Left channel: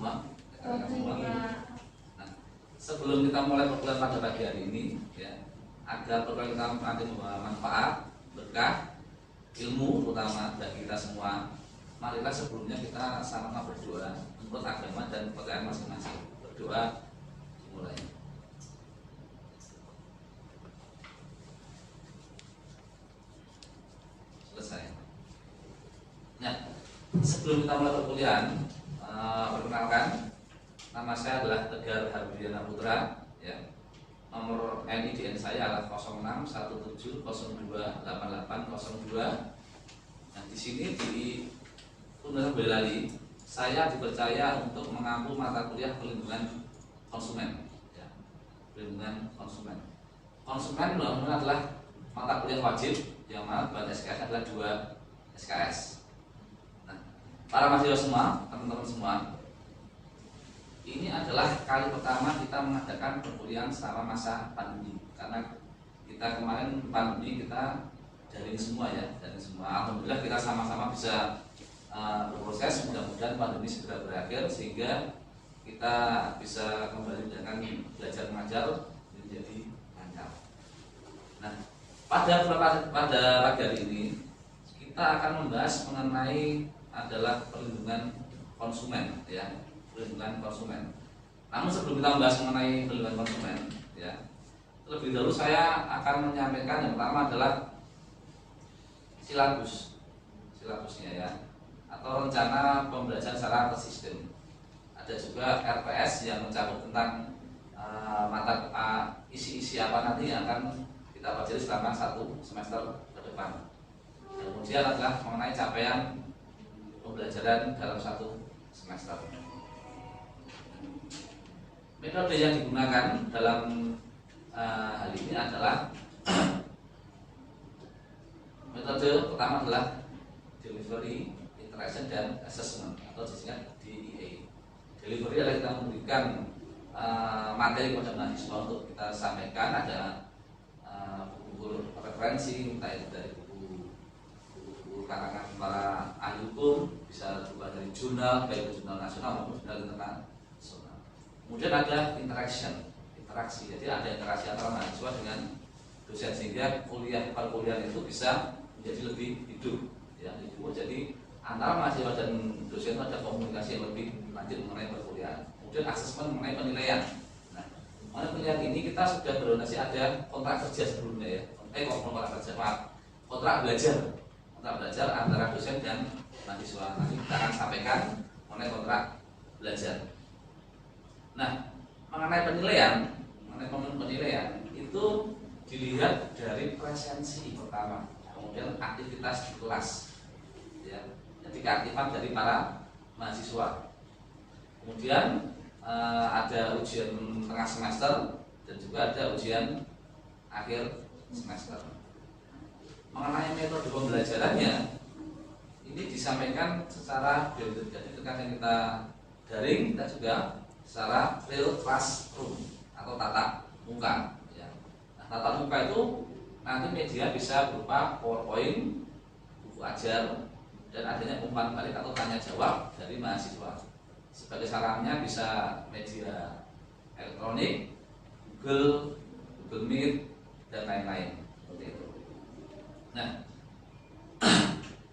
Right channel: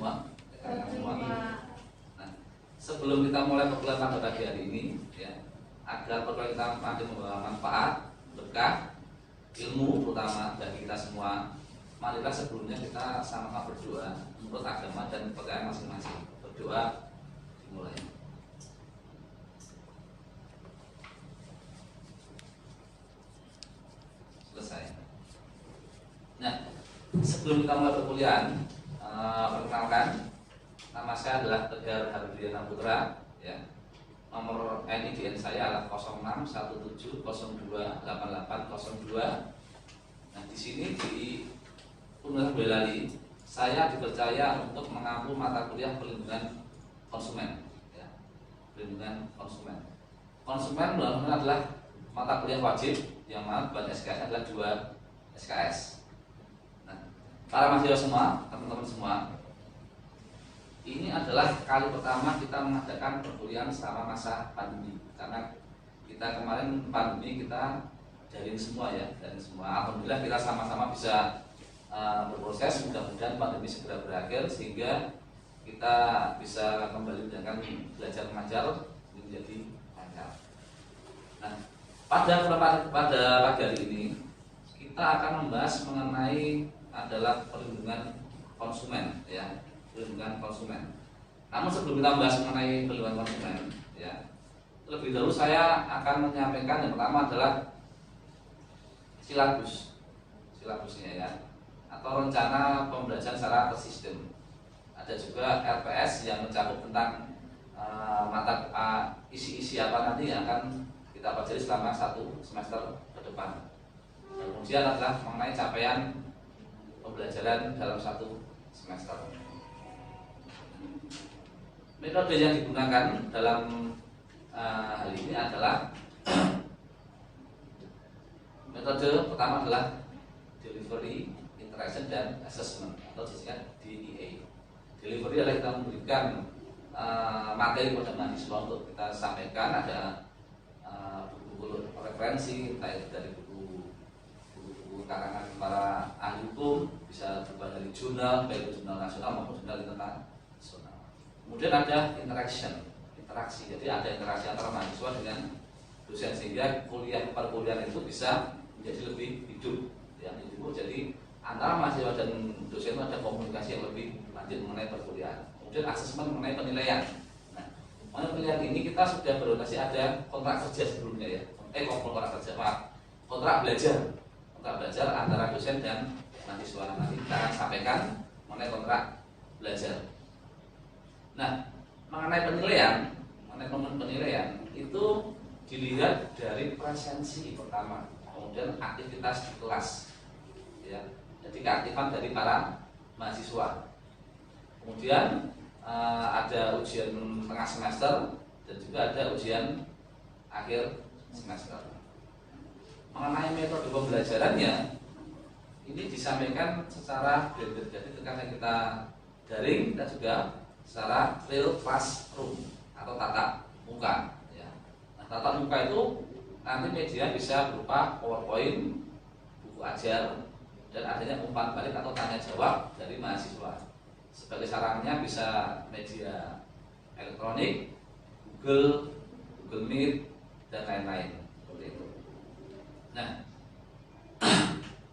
semua? Nah, sebelum kita mulai perkuliahan pada pagi hari ini, ya, agar perkuliahan kita nanti membawa manfaat, berkah, ilmu terutama bagi kita semua, marilah sebelumnya kita sama-sama berdoa menurut agama dan kepercayaan masing-masing. Berdoa mulai. Selesai. Nah, sebelum kita mulai perkuliahan, perkenalkan, nama saya adalah Tegar Harudiyana Putra, ya. Nomor NIDN saya adalah 0617028802. Nah, di sini di Universitas Boyolali saya dipercaya untuk mengampu mata kuliah perlindungan konsumen, ya. Perlindungan konsumen. Konsumen benar-benar adalah mata kuliah wajib yang mana buat SKS adalah 2 SKS. Nah, para mahasiswa semua, teman-teman semua, ini adalah kali pertama kita mengadakan perkuliahan selama masa pandemi. Karena kita kemarin pandemi kita daring semua, ya, daring semua. Alhamdulillah kita sama-sama bisa berproses. Mudah-mudahan pandemi segera berakhir sehingga kita bisa kembali dengan belajar mengajar menjadi lancar. Nah, pada pagi hari ini kita akan membahas mengenai adalah perlindungan konsumen, ya. Perlindungan konsumen. Namun sebelum kita membahas mengenai perlindungan konsumen, ya, terlebih dahulu saya akan menyampaikan yang pertama adalah silabusnya, ya, atau rencana pembelajaran secara tersistem. Ada juga RPS yang mencakup tentang isi-isi apa nanti yang akan kita pelajari selama 1 semester ke depan. Dan kemudian adalah mengenai capaian pembelajaran dalam 1 semester. Metode yang digunakan dalam hal ini adalah metode pertama adalah delivery, interaction, dan assessment atau disingkat DIA. Delivery adalah kita memberikan materi kepada mahasiswa untuk kita sampaikan. Ada buku-buku referensi, entah itu dari buku karangan para ahli hukum, bisa juga dari jurnal, baik itu jurnal nasional maupun jurnal internasional. Kemudian ada interaksi, jadi ada interaksi antara mahasiswa dengan dosen sehingga perkuliahan itu bisa menjadi lebih hidup, ya. Jadi antara mahasiswa dan dosen itu ada komunikasi yang lebih lanjut mengenai perkuliahan. Kemudian asesmen mengenai penilaian. Nah, mengenai penilaian ini kita sudah berdonasi ada kontrak kerja sebelumnya, ya. Kontrak belajar antara dosen dan mahasiswa. Nanti kita akan sampaikan mengenai kontrak belajar. Nah, mengenai penilaian itu dilihat dari presensi pertama, kemudian aktivitas di kelas, ya. Jadi keaktifan dari para mahasiswa. Kemudian ada ujian tengah semester dan juga ada ujian akhir semester. Mengenai metode pembelajarannya ini disampaikan secara blended, jadi ketika kita daring dan juga secara real classroom atau tatap muka, ya. Nah, tatap muka itu nanti media bisa berupa PowerPoint, buku ajar, dan adanya umpan balik atau tanya jawab dari mahasiswa. Sebagai sarannya bisa media elektronik, Google Meet, dan lain-lain seperti itu. Nah,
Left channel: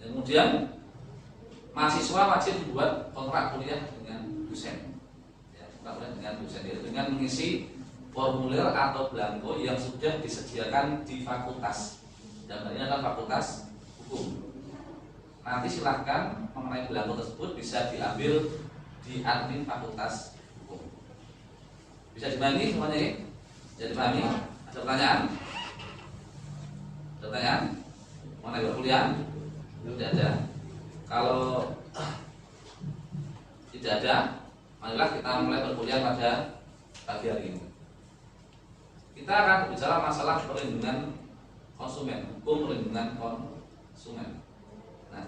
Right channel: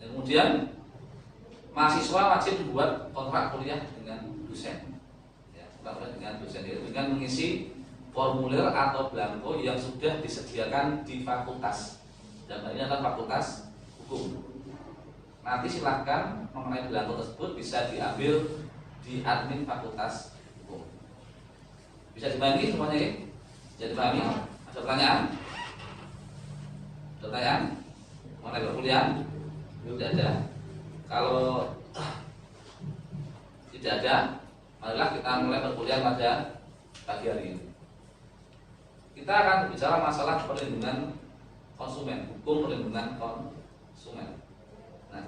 kemudian mahasiswa wajib membuat kontrak kuliah dengan dosen, yaitu dengan mengisi formulir atau blanko yang sudah disediakan di fakultas. Dan ini adalah fakultas hukum. Nanti silahkan mengenai blanko tersebut bisa diambil di admin fakultas hukum. Bisa dibagi semuanya, ya? Bisa dipahami? Ada pertanyaan? Ada pertanyaan mengenai perkuliahan? Tidak ada. Kalau tidak ada, marilah kita mulai perkuliahan pada pagi hari ini. Kita akan berbicara masalah perlindungan konsumen, hukum perlindungan konsumen. Nah,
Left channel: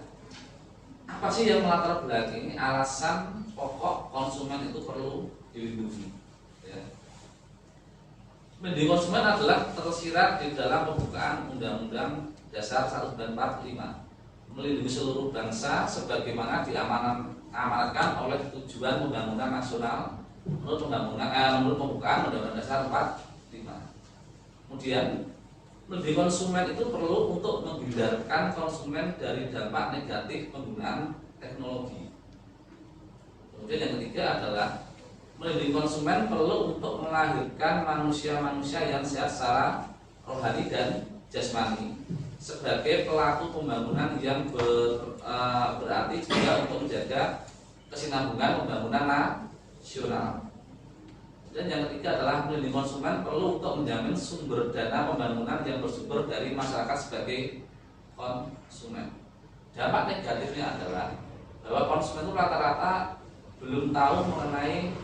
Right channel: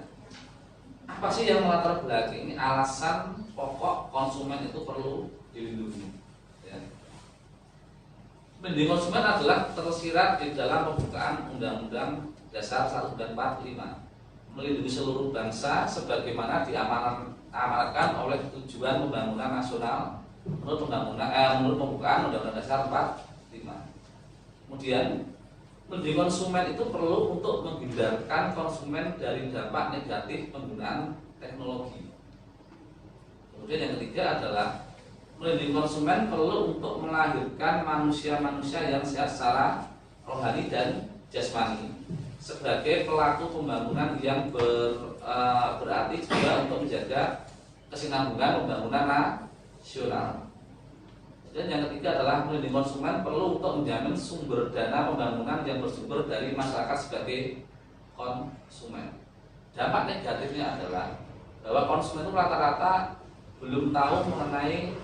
apa sih yang melatar belakangi alasan pokok konsumen itu perlu dilindungi? Ya. Melindungi konsumen adalah tersirat di dalam pembukaan Undang-Undang Dasar 1945, melindungi seluruh bangsa sebagaimana diamanatkan oleh Tujuan Pembangunan Nasional menurut pembukaan Undang-Undang Dasar 45. Kemudian, melindungi konsumen itu perlu untuk menghindarkan konsumen dari dampak negatif penggunaan teknologi. Kemudian yang ketiga adalah melindungi konsumen perlu untuk melahirkan manusia-manusia yang sehat secara rohani dan jasmani sebagai pelaku pembangunan yang berarti juga untuk menjaga kesinambungan pembangunan nasional. Dan yang ketiga adalah melindungi konsumen perlu untuk menjamin sumber dana pembangunan yang bersumber dari masyarakat sebagai konsumen. Dampak negatifnya adalah bahwa konsumen itu rata-rata belum tahu mengenai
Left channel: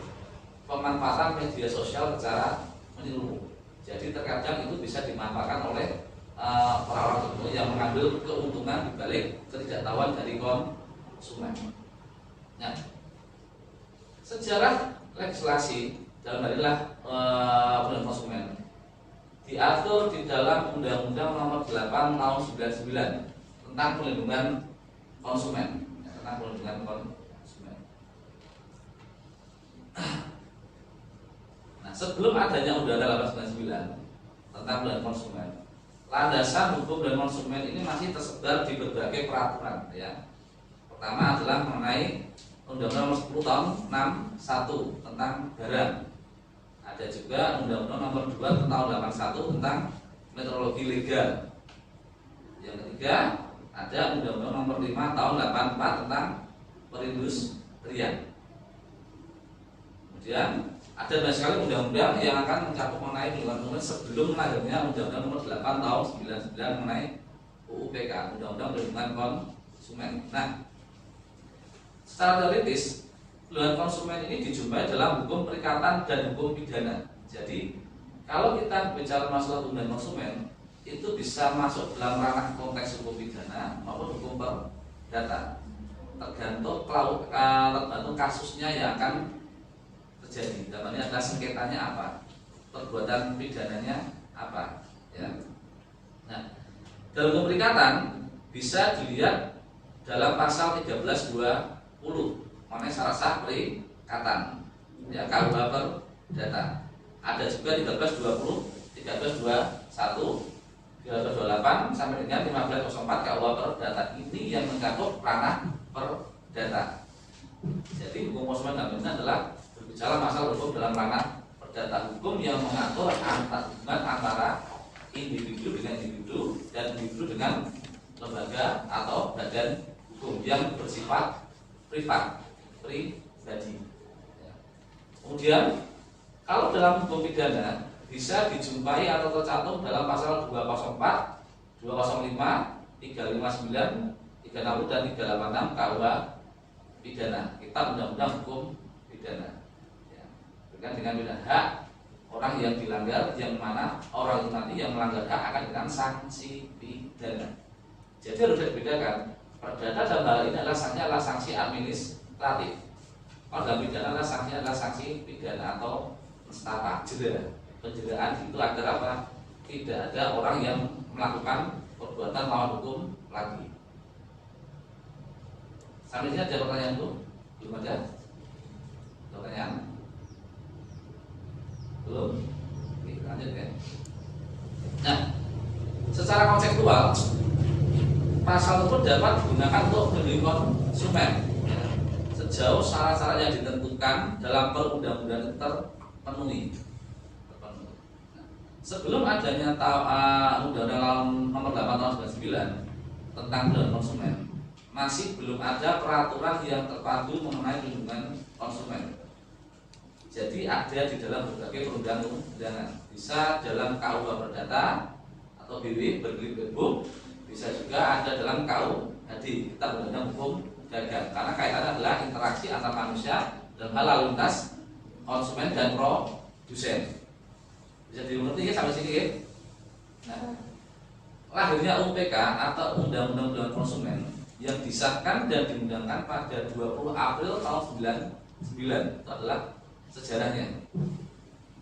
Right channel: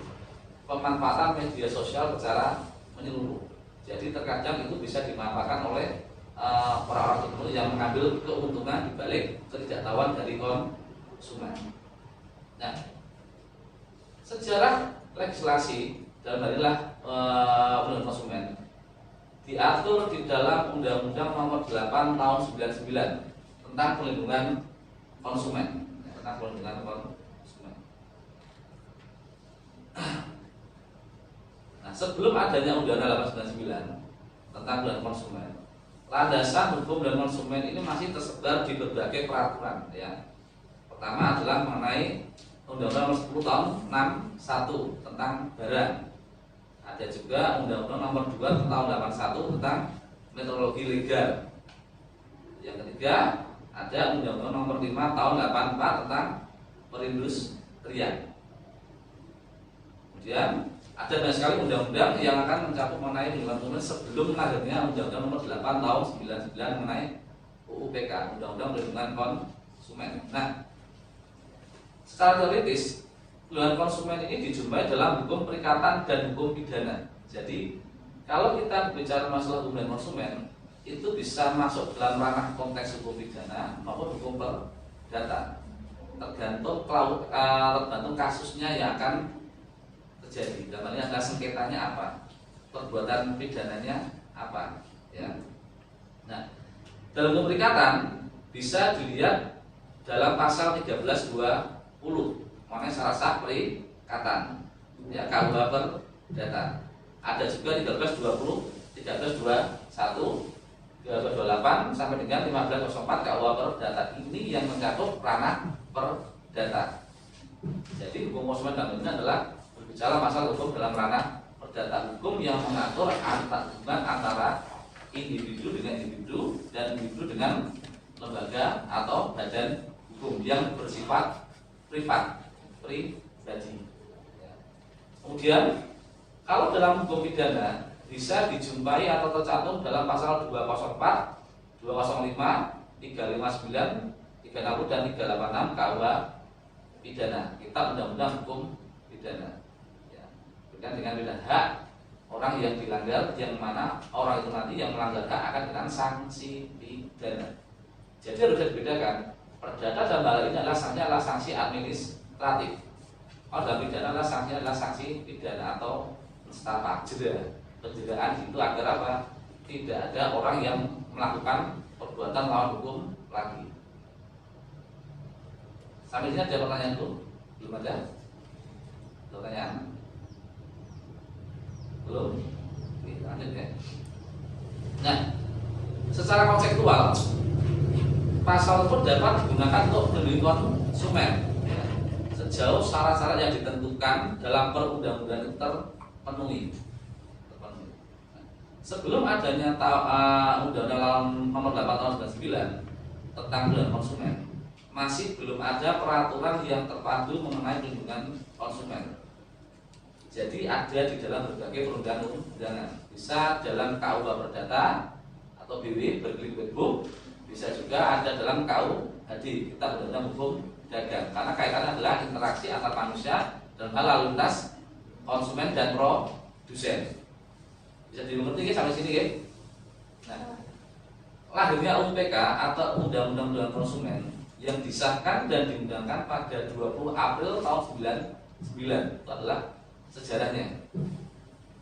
pemanfaatan media sosial secara menyeluruh. Jadi terkadang itu bisa dimanfaatkan oleh orang-orang tertentu yang mengambil keuntungan dibalik ketidaktahuan dari konsumen. Nah, sejarah legislasi dalam hal inilah perlindungan konsumen diatur di dalam Undang-Undang Nomor 8 Tahun 99 tentang perlindungan konsumen. Nah, sebelum adanya Undang-Undang 899 tentang perlindungan konsumen, landasan hukum dan konsumen ini masih tersebar di berbagai peraturan. Ya, pertama adalah mengenai Undang-Undang Nomor 10 Tahun 61 tentang barang. Ada juga Undang-Undang Nomor 2 Tahun 81 tentang metrologi legal. Yang ketiga ada Undang-Undang Nomor 5 Tahun 84 tentang perindustrian. Kemudian ada banyak sekali undang-undang yang akan mencakup mengenai perlindungan konsumen sebelum lahirnya Undang-Undang Nomor 8 Tahun 99 mengenai UUPK, Undang-Undang Perlindungan Konsumen. Nah, secara teoritis perlindungan konsumen ini dijumpai dalam hukum perikatan dan hukum pidana. Jadi, kalau kita bicara masalah hukum dan konsumen, itu bisa masuk dalam ranah konteks hukum pidana maupun hukum perdata. Tergantung kasusnya yang akan terjadi. Namanya ada sengketanya apa, perbuatan pidananya apa, ya. Nah, dalam hukum perikatan bisa dilihat dalam pasal 1320 mengenai syarat sah perikatan, ya, KUH perdata. Ada juga 1320, 1321, 1328 sampai dengan 1504 KUH perdata. Ini yang mencakup ranah perdata. Jadi hukum konsumen dalam ini adalah berbicara masalah hukum dalam ranah perdata, hukum yang mengatur hubungan antara individu dengan individu dan individu dengan lembaga atau badan hukum yang bersifat pribadi. Kemudian kalau dalam hukum pidana bisa dijumpai atau tercantum dalam pasal 204, 205, 359, 360 dan 386 KUH pidana, Kitab Undang-Undang Hukum Pidana. Ya, berkaitan dengan pidana hak orang yang dilanggar, yang mana orang itu nanti yang melanggar hak akan dikenakan sanksi pidana. Jadi harus dibedakan. Perdata dalam hal ini adalah sanksi administratif. Kalau dalam pidana adalah sanksi pidana atau mustapa, jera. Penjeraan itu agar apa? Tidak ada orang yang melakukan perbuatan melawan hukum lagi. Sampai sini ada pertanyaan dulu? Belum ada? Pertanyaan? Belum? Oke, lanjut ya. Nah, secara konseptual pasal tersebut dapat digunakan untuk melindungi konsumen, ya, sejauh syarat-syarat yang ditentukan dalam perundang-undangan terpenuhi. Sebelum adanya Undang-Undang Nomor 8 Tahun 99 tentang perlindungan konsumen, masih belum ada peraturan yang terpadu mengenai perlindungan konsumen. Jadi ada di dalam berbagai perundang-undangan, bisa dalam KUH Perdata atau BW Berkelit Book, bisa juga ada dalam KUHD, Kitab Undang-Undang Hukum Dagang. Karena kaitannya adalah interaksi antar manusia dan hal lalu lintas konsumen dan produsen. Bisa dimengerti ya sampai sini ya. Nah, lahirnya UPK atau Undang-Undang Perlindungan Konsumen yang disahkan dan diundangkan pada 20 April tahun 99 itu adalah sejarahnya.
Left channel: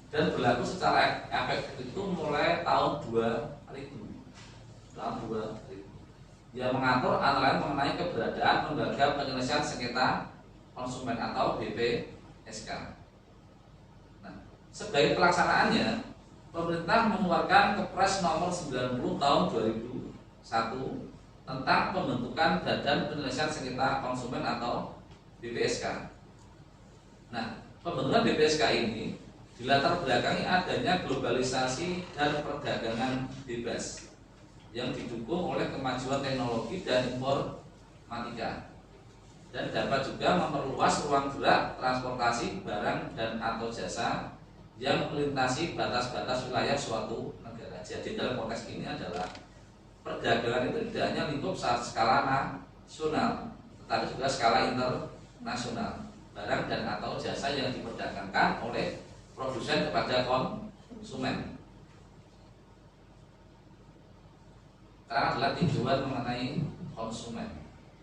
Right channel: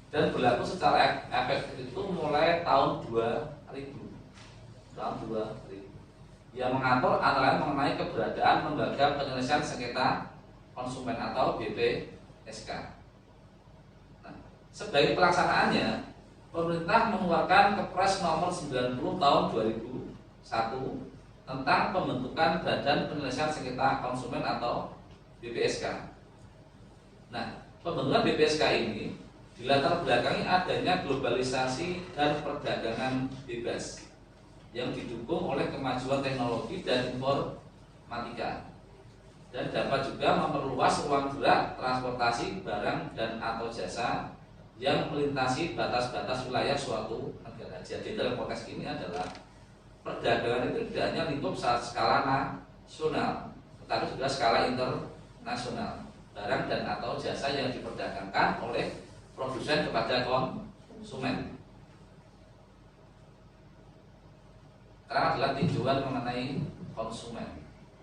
Dan berlaku secara efektif itu mulai tahun 2000. Tahun 2000. Yang mengatur antara lain mengenai keberadaan lembaga penyelesaian sengketa konsumen atau BPSK. Nah, sebagai pelaksanaannya, pemerintah mengeluarkan Kepres nomor 90 tahun 2001 tentang pembentukan Badan Penyelesaian Sengketa Konsumen atau BPSK. Nah, pembentukan BPSK ini dilatar belakangi adanya globalisasi dan perdagangan bebas yang didukung oleh kemajuan teknologi dan informatika, dan dapat juga memperluas ruang gerak transportasi barang dan atau jasa yang melintasi batas-batas wilayah suatu negara. Jadi dalam konteks ini adalah perdagangan itu tidak hanya lingkup skala nasional, tetapi juga skala internasional. Barang dan atau jasa yang diperdagangkan oleh produsen kepada konsumen. Karena adalah tinjauan mengenai konsumen.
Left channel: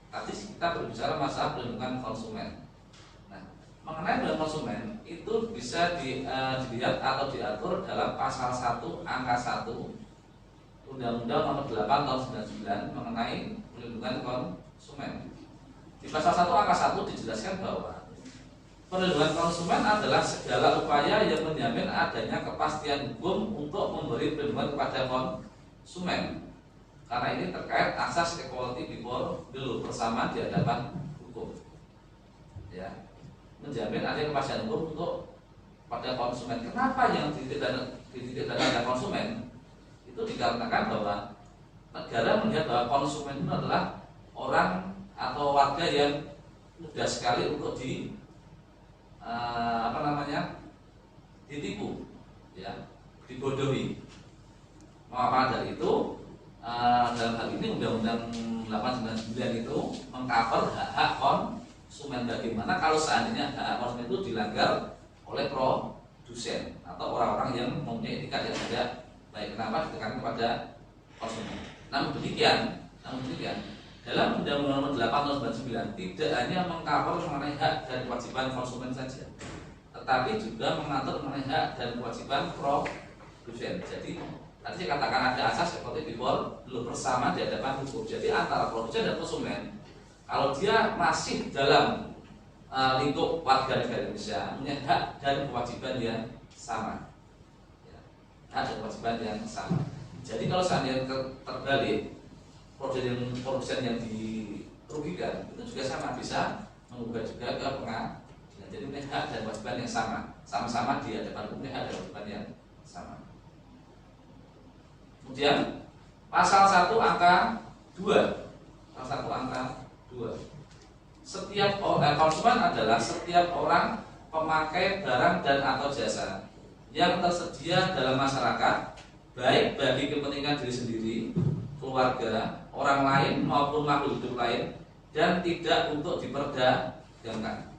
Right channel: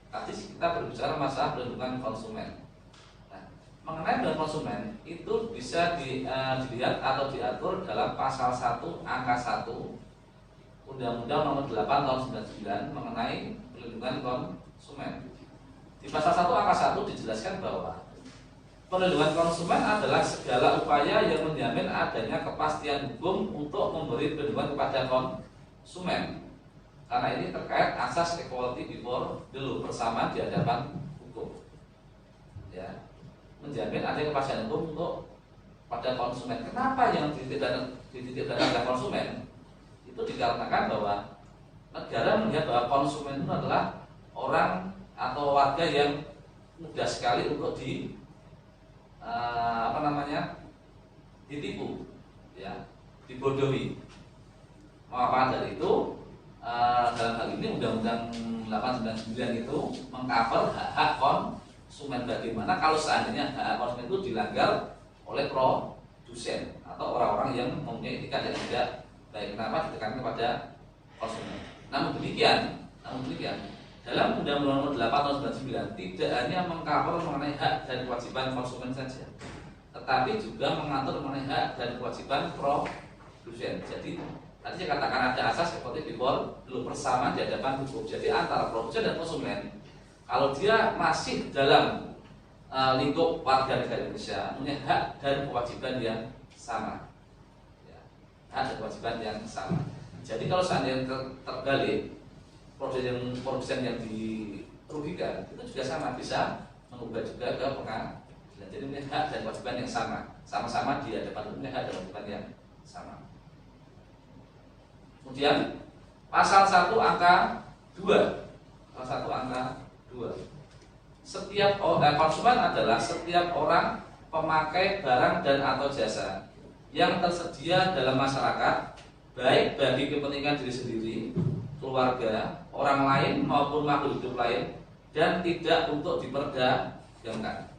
Tadi kita berbicara masalah perlindungan konsumen. Nah, mengenai perlindungan konsumen itu bisa dilihat atau diatur dalam pasal 1 angka 1 Undang-Undang Nomor 8 Tahun 99 mengenai perlindungan konsumen. Di pasal 1 angka 1 dijelaskan bahwa perlindungan konsumen adalah segala upaya yang menjamin adanya kepastian hukum untuk memberi perlindungan kepada konsumen. Karena ini terkait asas equality before the law, persamaan di hadapan hukum. Ya, menjamin adanya kepastian hukum untuk pada konsumen. Kenapa yang dititik-titikkan konsumen? Itu dikarenakan bahwa negara melihat bahwa konsumen itu adalah orang atau warga yang mudah sekali untuk ditipu, ya, dibodohi. Maka dari itu dalam hal ini Undang-Undang 899 itu mengcover hak-hak konsumen. Bagaimana kalau seandainya hak konsumen itu dilanggar oleh produsen atau orang-orang yang mempunyai etikat yang tidak baik. Kenapa ditekankan kepada konsumen? Namun demikian dalam Undang-Undang Nomor 8 Tahun 99 tidak hanya mengcover mengenai hak dan kewajiban konsumen saja, tetapi juga mengatur mengenai hak dan kewajiban produsen. Jadi tadi saya katakan ada asas seperti before law, persamaan di hadapan hukum. Jadi antara produsen dan konsumen, kalau dia masih dalam lingkup warga negara Indonesia, punya hak dan kewajiban yang sama, ya, hak dan kewajiban yang sama. Jadi kalau seandainya terbalik, produsen yang dirugikan itu juga sama, bisa menggugat juga ke pengadilan. Jadi punya hak dan kewajiban yang sama-sama di hadapan hukum, hak dan kewajiban yang sama. Kemudian pasal 1 angka 2. Pasal 1 angka 2. Setiap konsumen adalah setiap orang pemakai barang dan atau jasa yang tersedia dalam masyarakat, baik bagi kepentingan diri sendiri, keluarga, orang lain maupun makhluk hidup lain, dan tidak untuk diperdagangkan.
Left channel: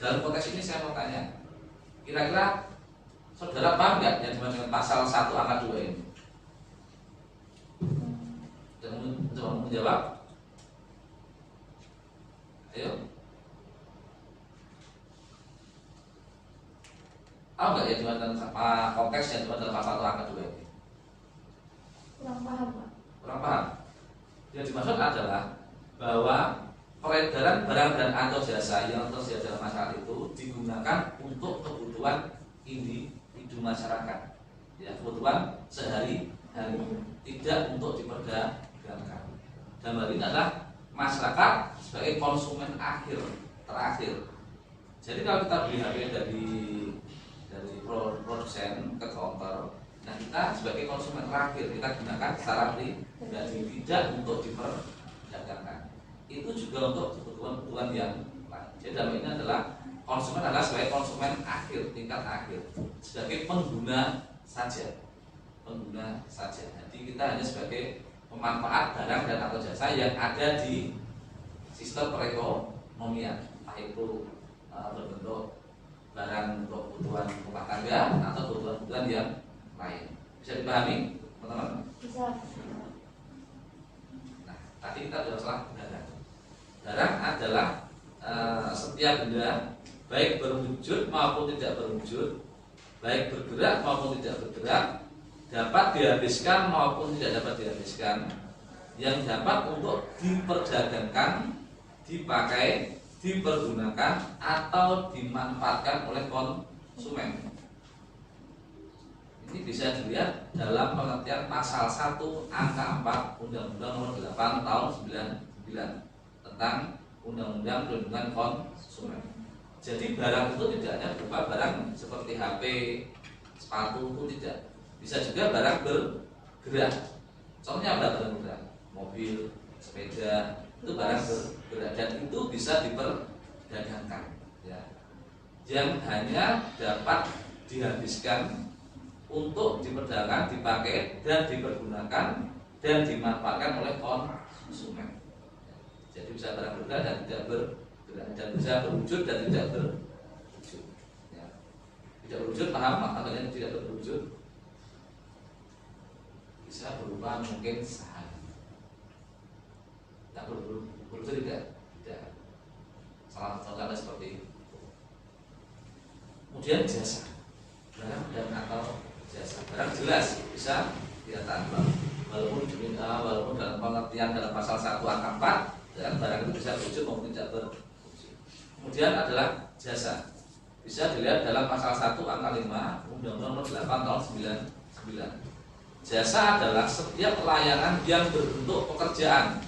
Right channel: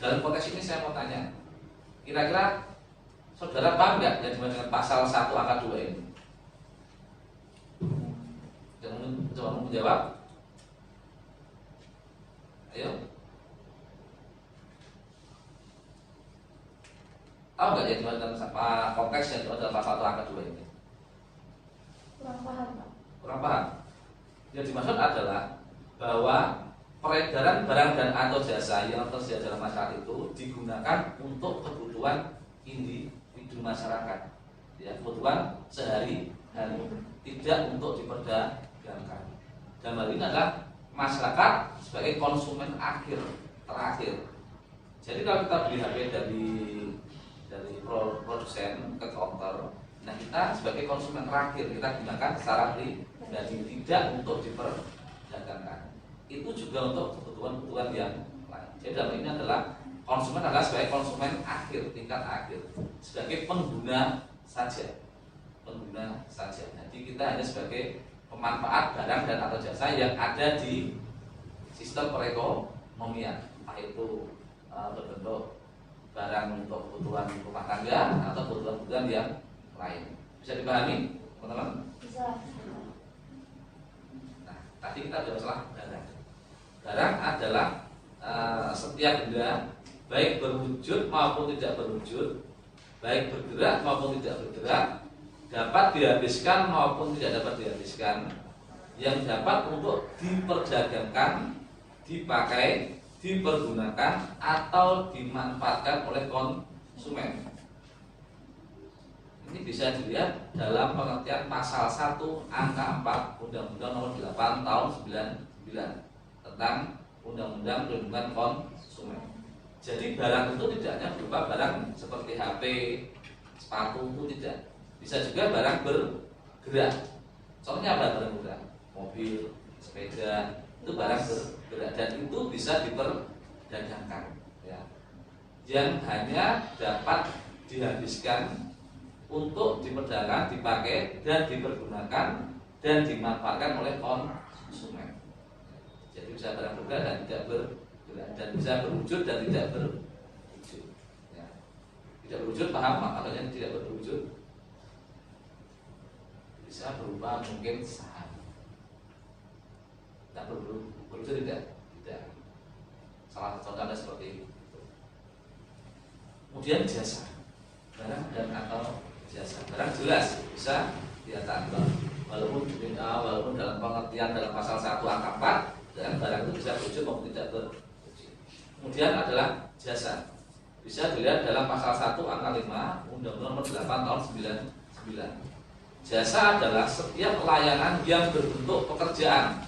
Dalam konteks ini saya mau tanya, kira-kira saudara paham nggak yang dimaksud dengan pasal 1 angka 2 ini? Coba menjawab. Ayo. Tahu nggak yang dimaksud dengan konteks yang dimaksud dalam pasal 1 angka 2 ini? Kurang paham, Pak. Kurang paham. Yang dimaksud adalah bahwa peredaran barang dan atau jasa yang tersedia dalam masyarakat itu digunakan untuk kebutuhan individu masyarakat, ya, kebutuhan sehari-hari, tidak untuk diperdagangkan. Dan hal ini adalah masyarakat sebagai konsumen terakhir. Jadi kalau kita beli HP dari produsen ke counter, nah kita sebagai konsumen terakhir, kita gunakan secara pribadi, tidak untuk diperdagangkan. Itu juga untuk kebutuhan-kebutuhan yang lain. Jadi dalam ini adalah konsumen adalah sebagai konsumen akhir, tingkat akhir, sebagai pengguna saja. Jadi kita hanya sebagai pemanfaat barang dan atau jasa yang ada di sistem perekonomian, entah itu berbentuk barang untuk kebutuhan rumah tangga atau kebutuhan yang lain. Bisa dipahami, teman-teman? Bisa. Nah, tadi kita sudah salah barang. Barang adalah setiap benda, baik berwujud maupun tidak berwujud, baik bergerak maupun tidak bergerak, dapat dihabiskan maupun tidak dapat dihabiskan, yang dapat untuk diperdagangkan dipakai, dipergunakan atau dimanfaatkan oleh konsumen. Ini bisa dilihat dalam pengertian pasal 1 angka 4 Undang-Undang Nomor 8 Tahun 99 tentang Undang-Undang Perlindungan Konsumen. Jadi barang itu tidak hanya berupa barang seperti HP, sepatu, itu tidak. Bisa juga barang bergerak. Contohnya barang bergerak, mobil, sepeda, itu barang bergerak dan itu bisa diperdagangkan. Ya. Yang hanya dapat dihabiskan untuk diperdagangkan, dipakai dan dipergunakan dan dimanfaatkan oleh konsumen. Jadi bisa barang bergerak dan tidak bergerak, dan bisa berwujud dan tidak berwujud. Ya. Tidak berwujud paham maknanya tidak berwujud? Bisa berupa mungkin saham. Tidak berwujud tidak. Salah satu contohnya seperti itu. Kemudian jasa, barang dan atau jasa. Barang jelas bisa kelihatan, walaupun dalam pengertian dalam pasal 1 angka 4 dan barang itu bisa berwujud maupun tidak berwujud. Kemudian adalah jasa, bisa dilihat dalam pasal 1 angka 5 Undang-Undang Nomor 8 Tahun 99. Jasa adalah setiap pelayanan yang berbentuk pekerjaan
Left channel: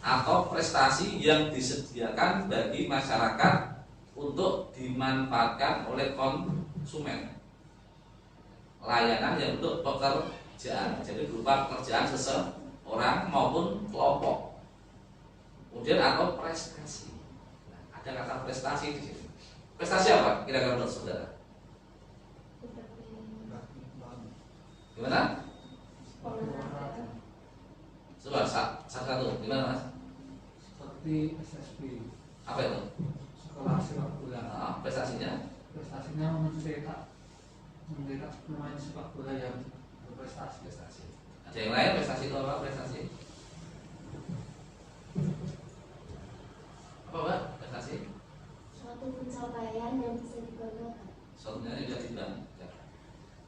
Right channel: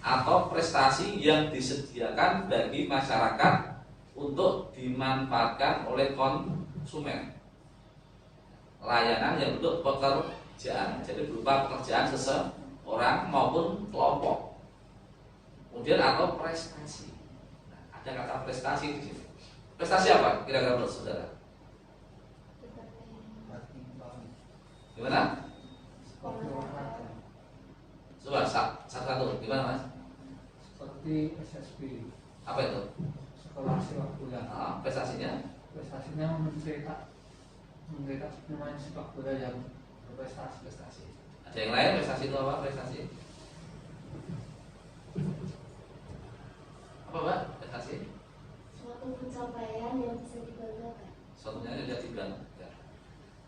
atau prestasi yang disediakan bagi masyarakat untuk dimanfaatkan oleh konsumen. Layanan yang bentuk pekerjaan, jadi berupa pekerjaan seseorang maupun kelompok. Kemudian atau prestasi. Nah, ada kata prestasi di sini. Prestasi apa? Kira-kira menurut saudara? Gimana? Coba satu, gimana Mas? Seperti SSB. Apa itu? Sekolah sepak bola. Prestasinya? Prestasinya mencetak pemain sepak bola yang berprestasi. Ada yang lain prestasi itu apa? Prestasi? Apa Mbak? Prestasi? Suatu pencapaian yang bisa dibanggakan. Suatunya tidak dibanggakan.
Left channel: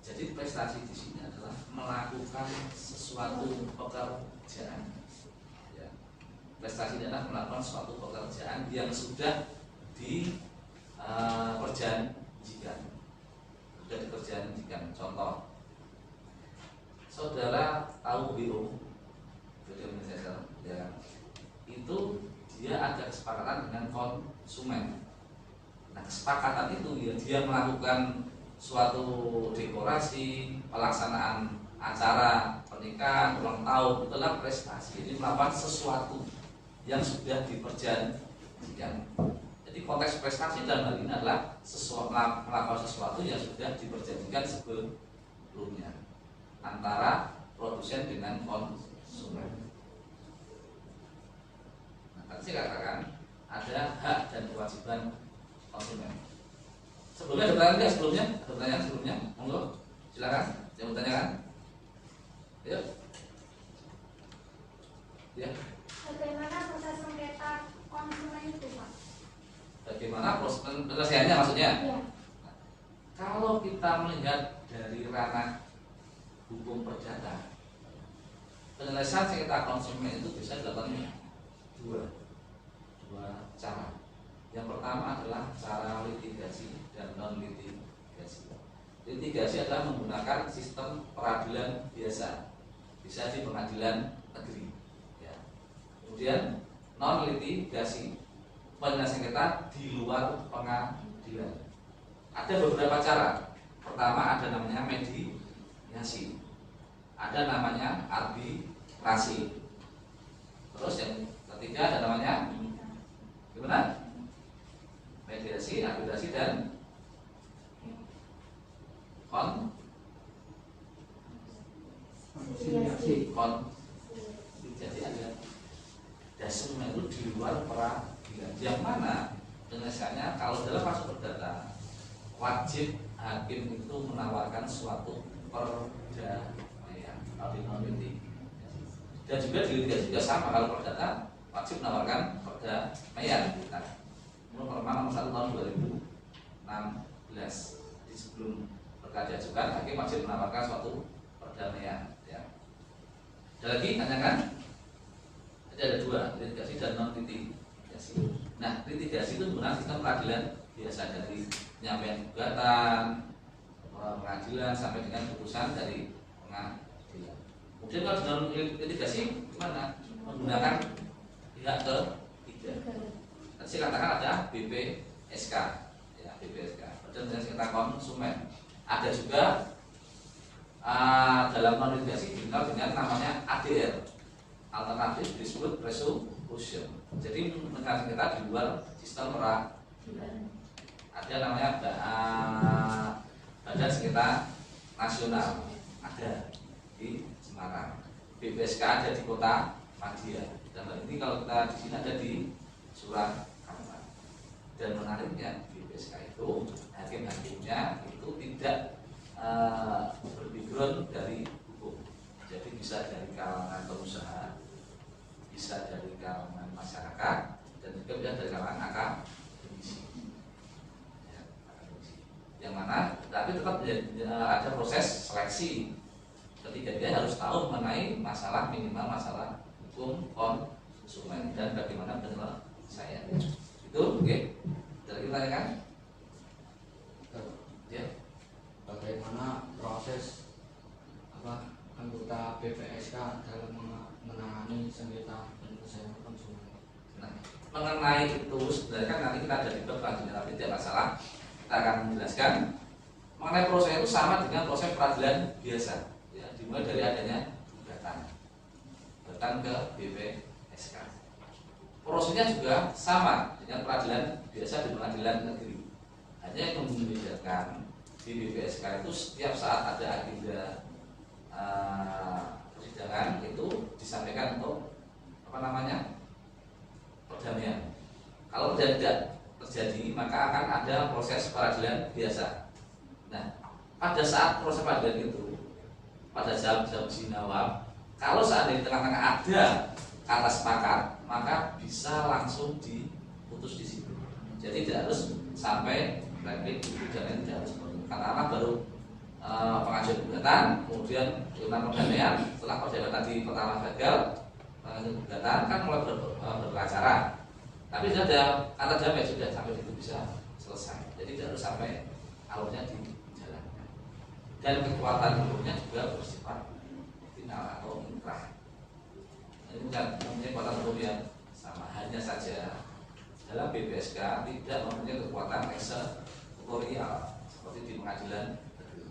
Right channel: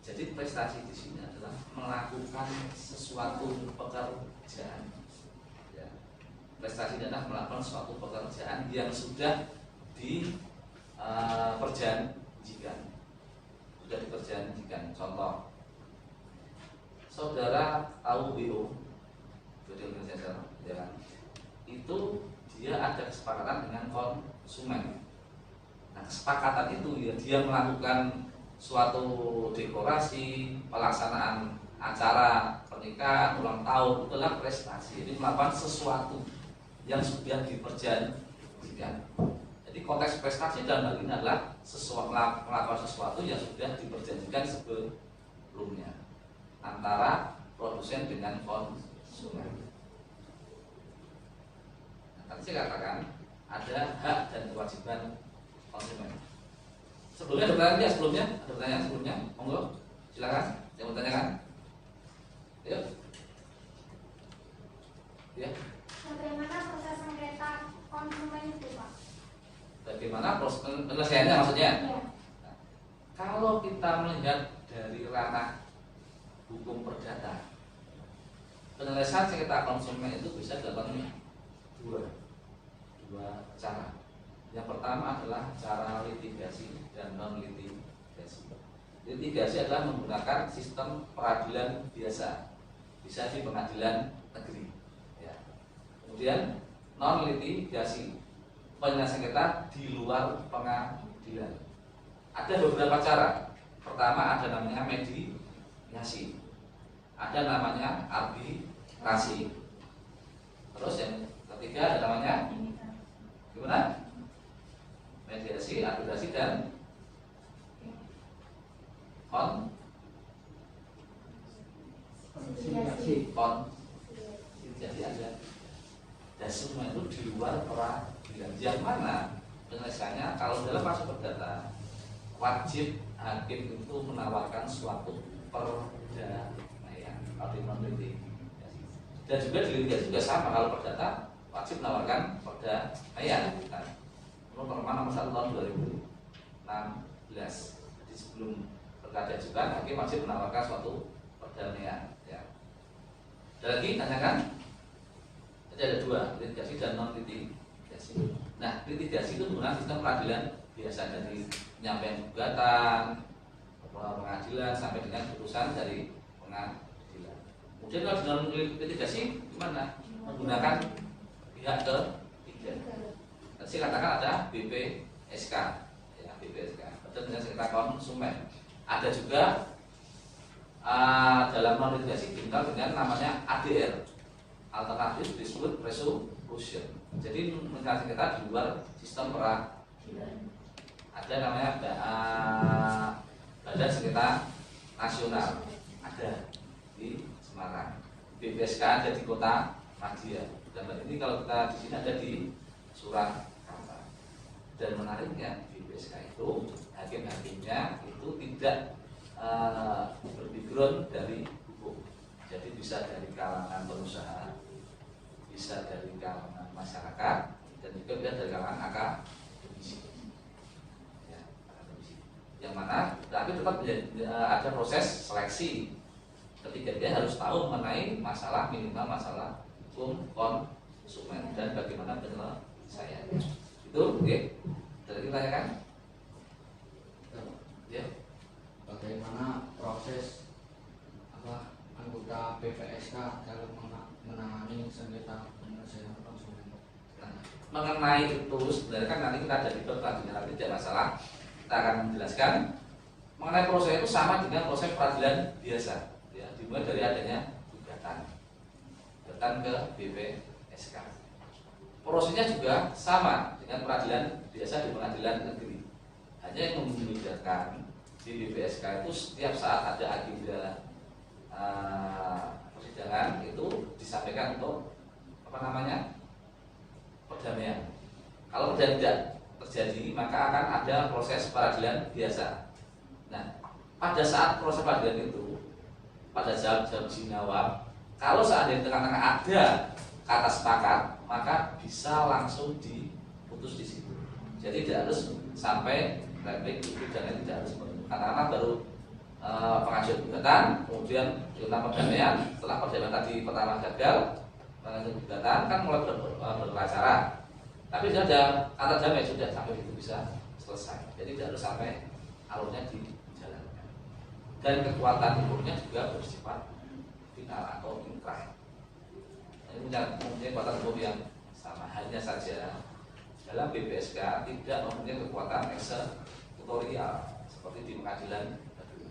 Jadi prestasi di sini adalah melakukan sesuatu pekerjaan. Ya. Prestasi adalah melakukan suatu pekerjaan yang sudah diperjanjikan. Sudah diperjanjikan. Contoh, saudara tahu BO, jadi organisasi, ya, itu dia ada kesepakatan dengan konsumen. Nah, kesepakatan itu ya dia melakukan suatu dekorasi, pelaksanaan acara pernikahan, ulang tahun, itu adalah prestasi. Jadi melakukan sesuatu yang sudah diperjanjikan. Jadi konteks prestasi dalam hal ini adalah melakukan sesuatu yang sudah diperjanjikan sebelumnya antara produsen dengan konsumen. Nah, tadi saya katakan ada hak dan kewajiban konsumen. Sebelumnya ada pertanyaan nggak sebelumnya? Ada pertanyaan sebelumnya? Monggo, silakan. Yang mau tanyakan? Ayo. Ya. Bagaimana proses sengketa konsumen itu, Pak? Bagaimana proses penyelesaiannya maksudnya? Ya. Nah, kalau kita melihat dari ranah hukum perdata, penyelesaian sengketa konsumen itu bisa dilakukan dua cara. Yang pertama adalah cara litigasi dan non litigasi. Litigasi adalah menggunakan sistem peradilan biasa, bisa di pengadilan negeri. Ya. Kemudian non litigasi, penyelesaian sengketa di luar pengadilan. Ada beberapa cara. Pertama ada namanya mediasi, ada namanya arbitrasi. Terus yang ketiga ada namanya gimana? Mediasi, arbitrasi dan Konsiliasi. Jadi ada dan semua itu di luar peradilan. Yang mana penyelesaiannya kalau dalam kasus perdata wajib hakim itu menawarkan suatu perdamaian atau non litigasi. Dan juga di litigasi juga sama, kalau perdata wajib menawarkan perdamaian. Perma nomor 1 tahun 2016. Jadi sebelum perkara diajukan, hakim wajib menawarkan suatu perdamaian. Ya. Ada lagi tanyakan? Jadi ada dua, litigasi dan non litigasi. peradilan biasa, dari penyampaian gugatan, pengadilan sampai dengan putusan dari pengadilan. Kemudian kalau dalam litigasi gimana? Menggunakan pihak ketiga. Tadi saya katakan ada BPSK, ya BPSK, Badan Jasa Konsumen. Ada juga dalam non litigasi dikenal dengan namanya ADR, Alternative Dispute Resolution. Jadi menyelesaikan kita di luar sistem peradilan. Ada namanya Badan Sengketa Nasional, ada di Semarang. BPSK ada di Kota Madia. Dan ini kalau kita di sini ada di Surakarta. Dan menariknya BPSK itu hakim-hakimnya itu tidak berbackground dari hukum. Jadi bisa dari kalangan pengusaha, bisa dari kalangan masyarakat, dan juga bisa dari kalangan akademisi. Ya, akademisi. Yang mana, tapi tetap ada proses seleksi. Ketika dia harus tahu mengenai masalah, minimal masalah hukum konsumen dan bagaimana penyelesaiannya. Itu, oke? Tadi tanyakan? Ya. Bagaimana proses anggota BPSK dalam menangani sengketa penyelesaian konsumen? Nah, mengenai itu sebenarnya kan nanti kita ada di peradilan, tapi tidak masalah. Kita akan menjelaskan mengenai proses itu sama dengan proses peradilan biasa, ya, dimulai dari adanya gugatan ke BPSK. Prosesnya juga sama dengan peradilan biasa di pengadilan negeri. Hanya yang membedakan di BPSK itu setiap saat ada agenda persidangan itu disampaikan untuk perdamaian. Kalau tidak terjadi maka akan ada proses peradilan biasa. Nah, pada saat proses peradilan itu, pada jam-jam sinawab, kalau seandainya di tengah-tengah ada kata sepakat, maka bisa langsung diputus di situ. Jadi tidak harus sampai replik itu, dan tidak harus karena baru pengajuan gugatan, kemudian ikutan perdamaian. Setelah perdamaian tadi pertama gagal, pengajuan gugatan kan mulai beracara. Tapi sudah ada kata damai, sudah sampai itu bisa selesai. Jadi tidak harus sampai alurnya dijalankan. Dan kekuatan hukumnya juga bersifat final atau inkrah. Ini bukan mempunyai kekuatan hukum yang sama. Hanya saja dalam BPSK tidak mempunyai kekuatan eksekutorial seperti di pengadilan negeri.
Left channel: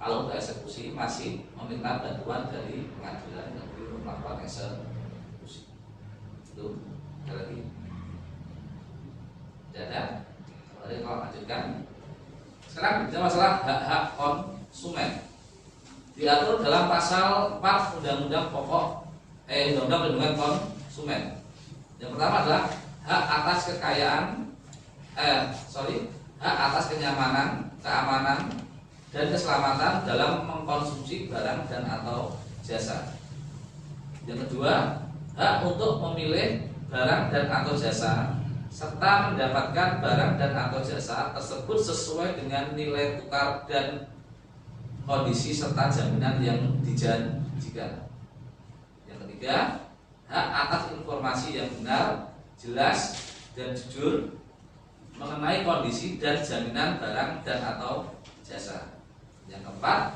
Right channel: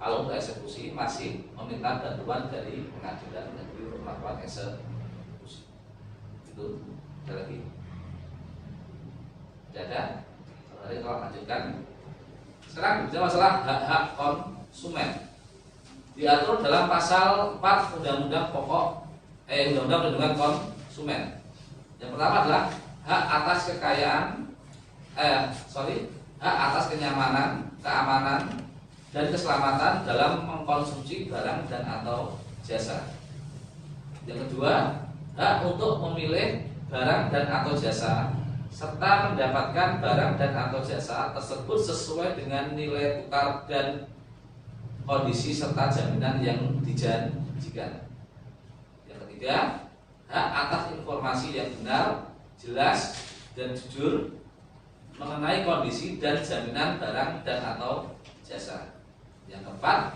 Kalau untuk eksekusi masih meminta bantuan dari pengadilan negeri untuk melakukan eksekusi. Itu ada lagi. Tidak ada. Kalau lanjutkan. Sekarang bicara masalah hak-hak konsumen. Diatur dalam pasal 4 Undang-Undang Undang-Undang Perlindungan Konsumen. Yang pertama adalah hak atas hak atas kenyamanan, keamanan, dan keselamatan dalam mengkonsumsi barang dan atau jasa. Yang kedua, hak untuk memilih barang dan atau jasa serta mendapatkan barang dan atau jasa tersebut sesuai dengan nilai tukar dan kondisi serta jaminan yang dijanjikan. Yang ketiga, hak atas informasi yang benar, jelas, dan jujur mengenai kondisi dan jaminan barang dan atau jasa. Yang keempat,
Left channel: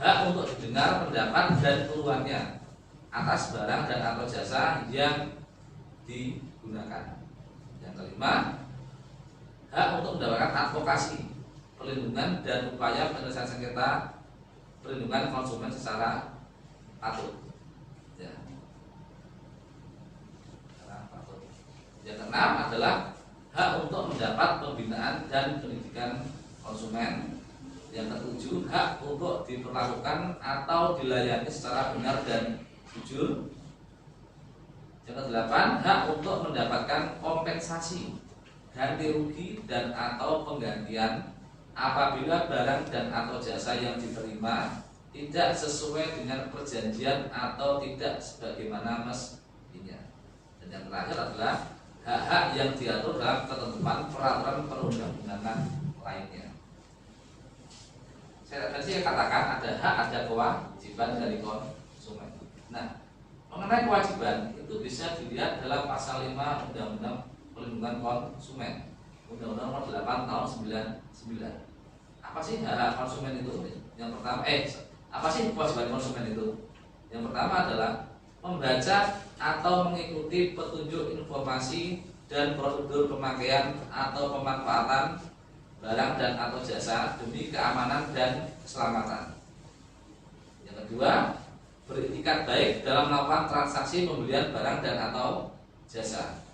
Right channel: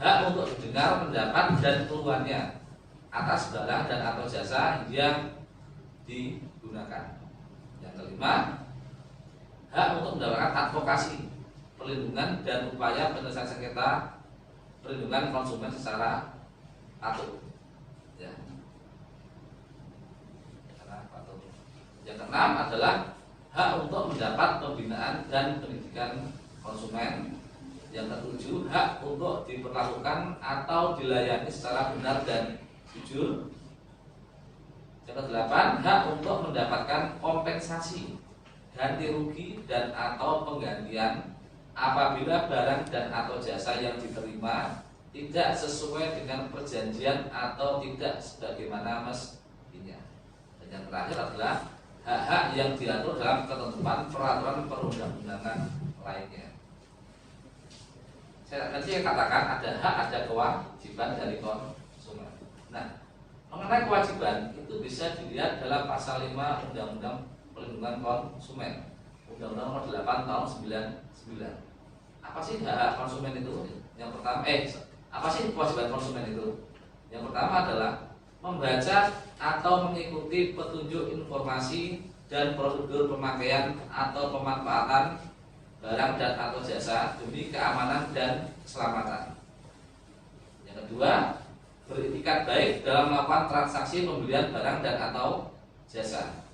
hak untuk didengar pendapat dan keluhannya atas barang dan atau jasa yang digunakan. Yang kelima, hak untuk mendapatkan advokasi, perlindungan dan upaya penyelesaian sengketa perlindungan konsumen secara patut. Ya. Yang keenam adalah hak untuk mendapat pembinaan dan pendidikan konsumen. Yang ketujuh, hak untuk diperlakukan atau dilayani secara benar dan jujur. Yang kedelapan, hak untuk mendapatkan kompensasi, ganti rugi dan atau penggantian apabila barang dan atau jasa yang diterima tidak sesuai dengan perjanjian atau tidak sebagaimana mestinya. Dan yang terakhir adalah hak-hak yang diatur dalam ketentuan peraturan perundang-undangan lainnya. Saya katakan ada hak, ada kewajiban dari konsumen. Nah, mengenai kewajiban itu bisa dilihat dalam pasal 5 Undang-Undang Perlindungan Konsumen, Undang-Undang Nomor 8 Tahun 99. Apa sih hak konsumen itu? Yang pertama, apa sih kewajiban konsumen itu? Yang pertama adalah membaca atau mengikuti petunjuk informasi dan prosedur pemakaian atau pemanfaatan barang dan atau jasa demi keamanan dan keselamatan. Yang kedua, beretikat baik dalam melakukan transaksi pembelian barang dan atau jasa.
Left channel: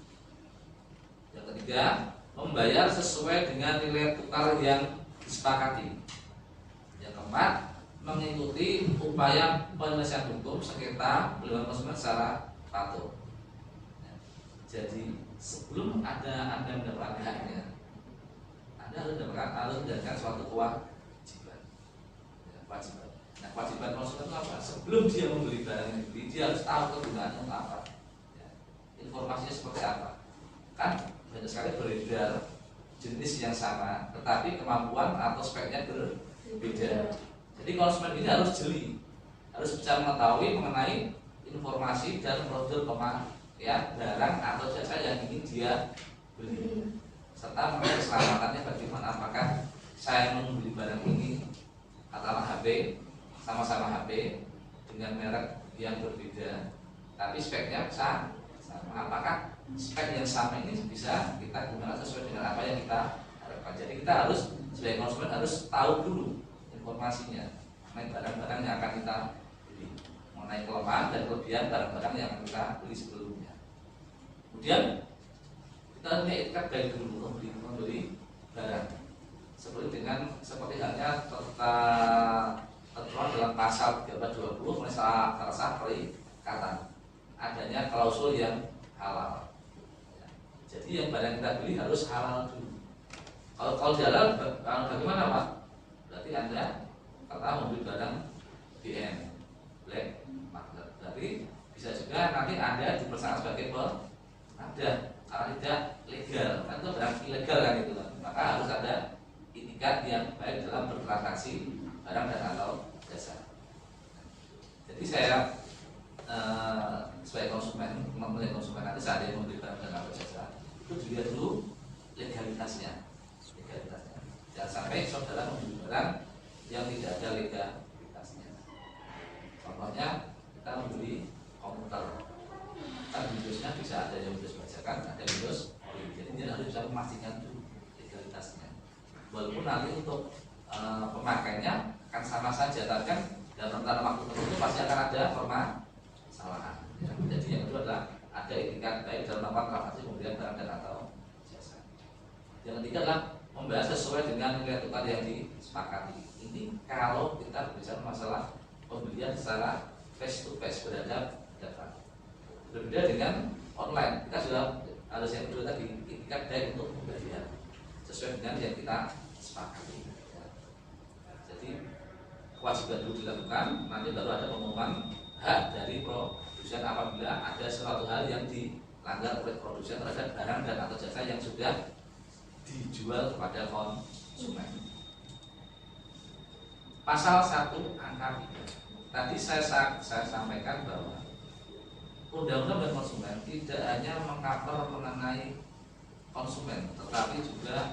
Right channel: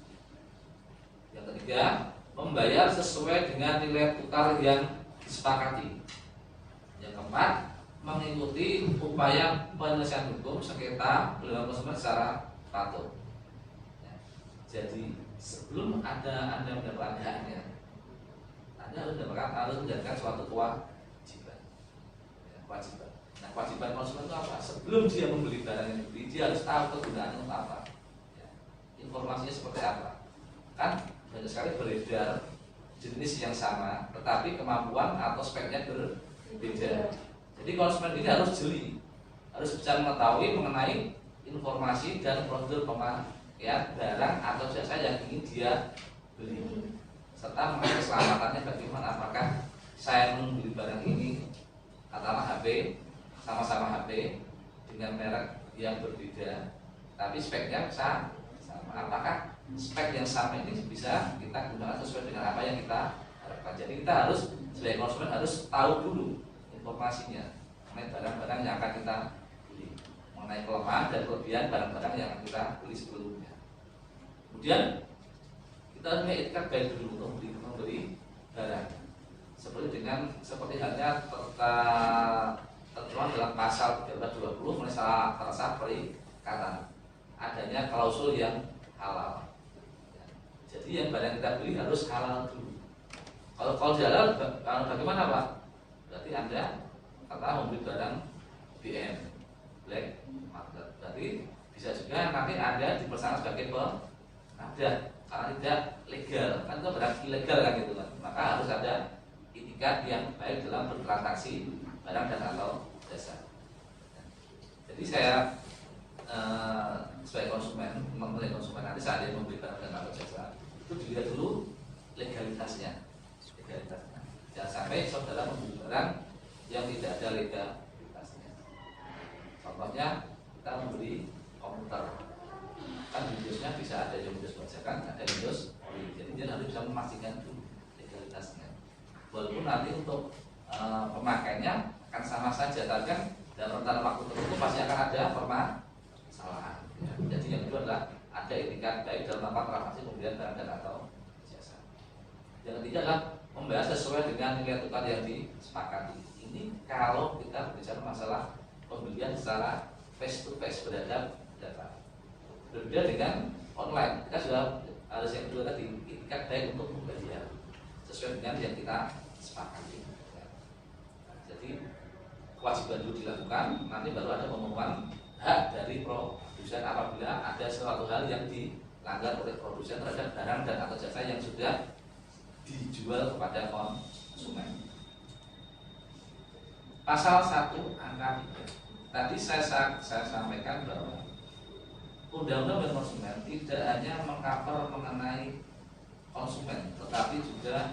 Yang ketiga, membayar sesuai dengan nilai tukar yang disepakati. Yang keempat, mengikuti upaya penyelesaian hukum sengketa perlindungan konsumen secara patuh. Jadi sebelum Anda mendapatkan haknya, Anda harus menjalankan suatu kewajiban. Kewajiban. Nah, kewajiban konsumen itu apa? Sebelum dia membeli barang yang dibeli, dia harus tahu kegunaannya untuk apa. Informasinya seperti apa. Kan banyak sekali beredar jenis yang sama, tetapi kemampuan atau speknya berbeda. Jadi konsumen ini harus jeli, harus bisa mengetahui mengenai informasi dan prosedur pemakaian barang atau jasa yang ingin dia beli, serta mengenai keselamatannya bagaimana. Apakah saya membeli barang ini katakanlah HP, sama-sama HP dengan merek yang berbeda, tapi speknya sama. Apakah spek yang sama ini bisa kita gunakan sesuai dengan apa yang kita harapkan? Jadi kita harus sebagai konsumen harus tahu dulu informasinya mengenai barang-barang yang akan kita beli, mengenai kelemahan dan kelebihan barang-barang yang akan kita beli sebelumnya. Kemudian kita punya etikat baik dulu untuk membeli barang. Seperti halnya tertuang dalam pasal 1320 mengenai salah satu perikatan adanya klausul yang halal. Jadi yang barang kita beli harus halal dulu. Kalau halal, bagaimana Pak? Berarti Anda kata membeli barang BM, black market. Berarti bisa juga nanti Anda dipersangka sebagai pengada karena tidak legal. Kan itu barang ilegal kan itu kan. Maka harus ada etikat yang baik dalam bertransaksi barang dan atau jasa. Jadi saya sebagai konsumen, nanti saat dia membeli barang dan atau jasa, itu dilihat dulu legalitasnya. Jangan sampai saudara membeli barang yang tidak ada legalitasnya. Contohnya kita membeli komputer, kan Windowsnya bisa ada yang Windows bajakan, ada Windows ori. Jadi dia harus bisa memastikan dulu legalitasnya. Walaupun nanti untuk pemakaiannya akan sama saja, tapi kan dalam rentang waktu tertentu pasti akan ada permasalahan. Jadi yang kedua adalah ada etikat baik dalam melakukan transaksi pembelian barang dan atau jasa. Yang ketiga adalah membahas sesuai dengan nilai tukar yang disepakati. Ini kalau kita berbicara masalah pembelian secara face to face, berhadapan. Berbeda dengan online, kita sudah harus yang kedua tadi etikat baik untuk pembelian sesuai dengan yang kita sepakati. Jadi kewajiban dulu dilakukan, nanti baru ada pengumuman hak dari produsen apabila ada suatu hal yang dilanggar oleh produsen terhadap barang dan atau jasa yang sudah dijual kepada konsumen. Pasal 1 angka 3. Tadi saya sampaikan bahwa Undang-Undang dan konsumen tidak hanya mengcover mengenai konsumen, tetapi juga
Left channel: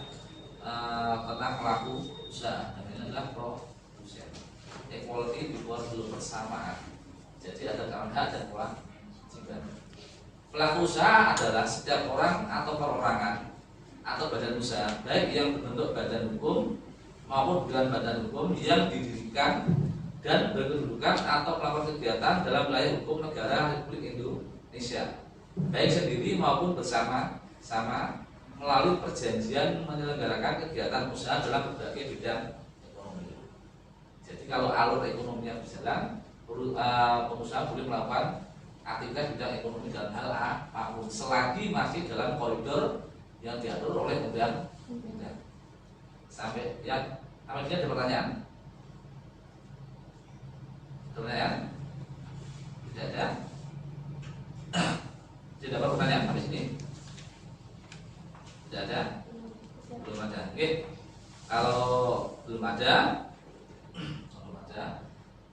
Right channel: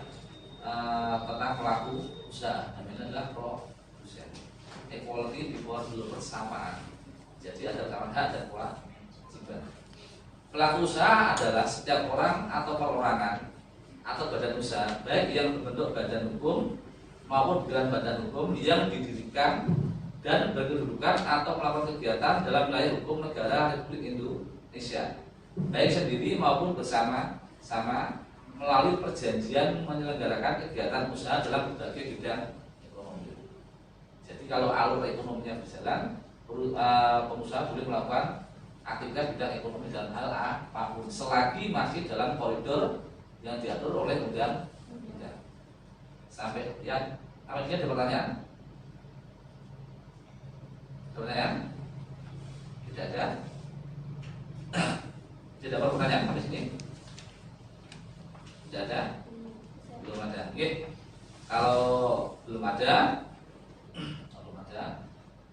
tentang pelaku usaha. Ini adalah produsen. Equality before the law, bersamaan. Jadi ada kesamaan hak dan kewajiban. Pelaku usaha adalah setiap orang atau perorangan atau badan usaha, baik yang berbentuk badan hukum maupun bukan badan hukum yang didirikan dan berkedudukan atau melakukan kegiatan dalam wilayah hukum negara Republik Indonesia, baik sendiri maupun bersama-sama melalui perjanjian menyelenggarakan kegiatan usaha dalam berbagai bidang ekonomi. Jadi kalau alur ekonominya berjalan, pengusaha boleh melakukan aktivitas bidang ekonomi dalam hal apapun selagi masih dalam koridor yang diatur oleh undang-undang. Sampai yang ini ada pertanyaan? Pertanyaan? Tidak ada? Tidak ada pertanyaan sampai sini? Tidak ada? Belum ada. Oke. Kalau belum ada,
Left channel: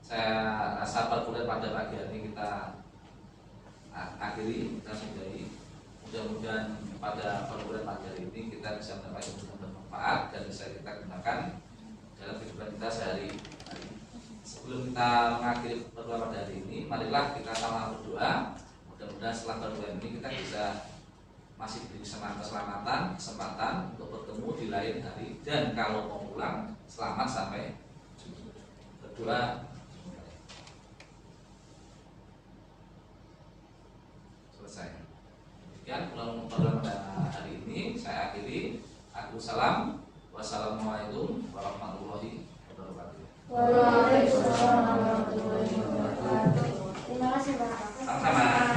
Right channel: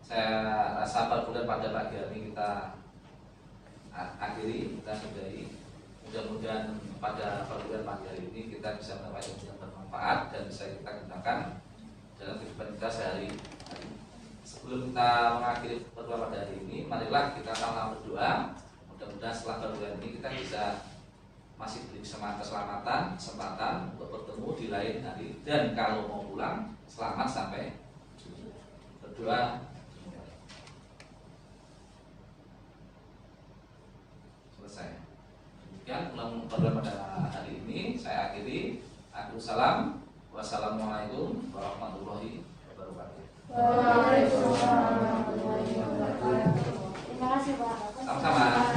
saya rasa perkuliahan pada pagi hari ini kita akhiri, kita sudahi. Mudah-mudahan pada perguruan pagi ini kita bisa mendapatkan ilmu yang bermanfaat dan bisa kita gunakan dalam kehidupan kita sehari-hari. Sebelum kita mengakhiri pertemuan pada hari ini, marilah kita sama-sama berdoa. Mudah-mudahan setelah pertemuan ini kita bisa masih diberi keselamatan, kesempatan untuk bertemu di lain hari, dan kalau mau pulang selamat sampai berdoa. Selesai. Demikian pulang pertemuan pada hari ini. Saya akhiri. Assalamualaikum. Wassalamualaikum warahmatullahi wabarakatuh. Waalaikumsalam warahmatullahi wabarakatuh. Terima kasih Pak. Sama-sama.